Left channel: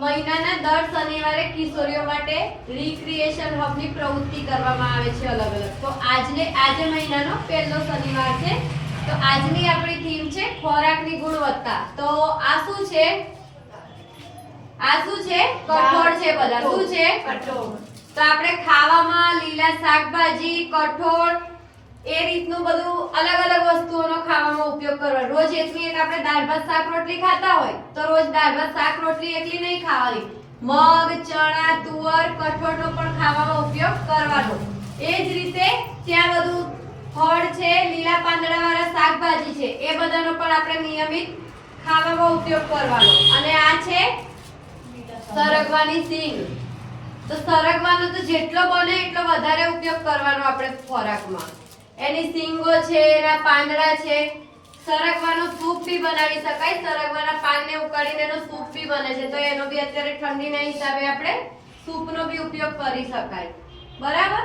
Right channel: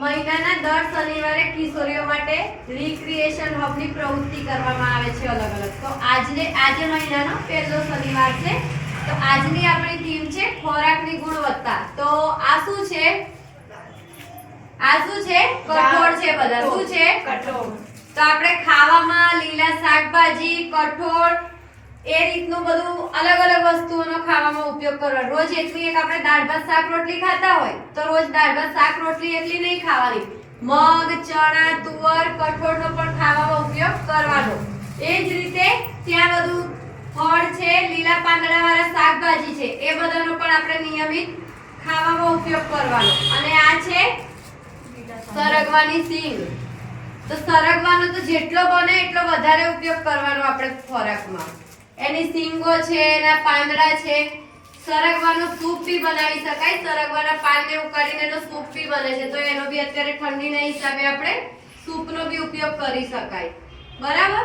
મહિનાના દર શનિવારે કિશોરીઓ માટે રિક્રિએશન હબની પ્રવૃત્તિ કરવામાં આવે છે અલગ અલગ. તો આજને આજે મહિનાનો પહેલો શનિવાર છે. તો આજની આપણી થીમ છે ખોરાકની ગુણવત્તા. તો આ શું છે? આ શું છે? કઠોળ છે બધા. શું છે? કઠોળ. તો આપણે ખાવામાં લીલા શાકભાજી કઠોળ એ રીતનું બધું અલગ અલગ ઉપયોગ કરવો રોજ એટલી એક આપણે દાળ ભાત શાક રોટલી ખાતા હોય, તો રોજ દાળ ભાત શાક રોટલી એટલી નહીં ખાવાની. મગ, ચણા, તુવર, કઠોળનો પણ ખાવામાં ઉપયોગ કરવાનો. એ જ રીતે ત્યાં બધું ફળ છે, લીલા પાંદડાવાળા શાકભાજી છે, એ બધાનો પણ આપણે નિયમિત ખાવામાં ઉપયોગ કરવાનો. અને આ છે સરગવાની સિંગ તો સરગવાનો તો જેટલો બને એટલો વધારે ઉપયોગ કરવાનો આપણે ખોરાકમાં. એની સિંગો છે, એના પાંદડા છે સરગવાનો સૂપ બી બનાવી શકાય. સરગવાના પાનને ઉકાળીને એનો સૂપ બી બને છે. તો એનો બી અત્યારે ઠંડીના હિસાબે આપણે સૂપનો બી ઉપયોગ કરી શકાય. બરાબર?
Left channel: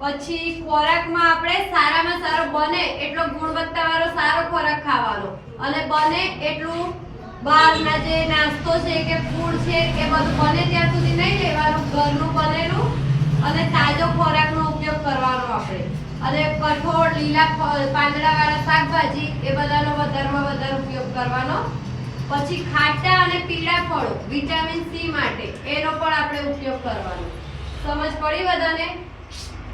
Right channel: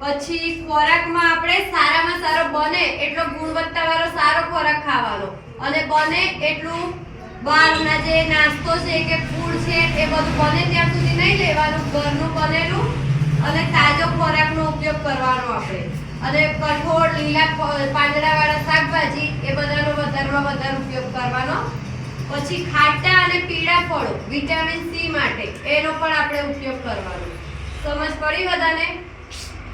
પછી ખોરાકમાં આપણે સારામાં સારો બને એટલો ગુણવત્તાવાળો સારો ખોરાક ખાવાનો. અને બને એટલું બહારના જે નાસ્તો છે કે ફૂડ છે એ બધું બને ત્યાં સુધી નહીં લેવાનું. ઘરનું બનેલું અને તાજો ખોરાકનો ઉપયોગ કરવાનો આપણે અને કઠોળ લીલા પાંદડાવાળા શાકભાજી, એ બધાનો વધારેમાં વધારે ઉપયોગ કરવાનો. પછી ખાટા અને પીળા ફળો, વિટામિન સી માટે, એનો પણ આપણે ઉપયોગ કરવાનો. સમજ પડી બધાને?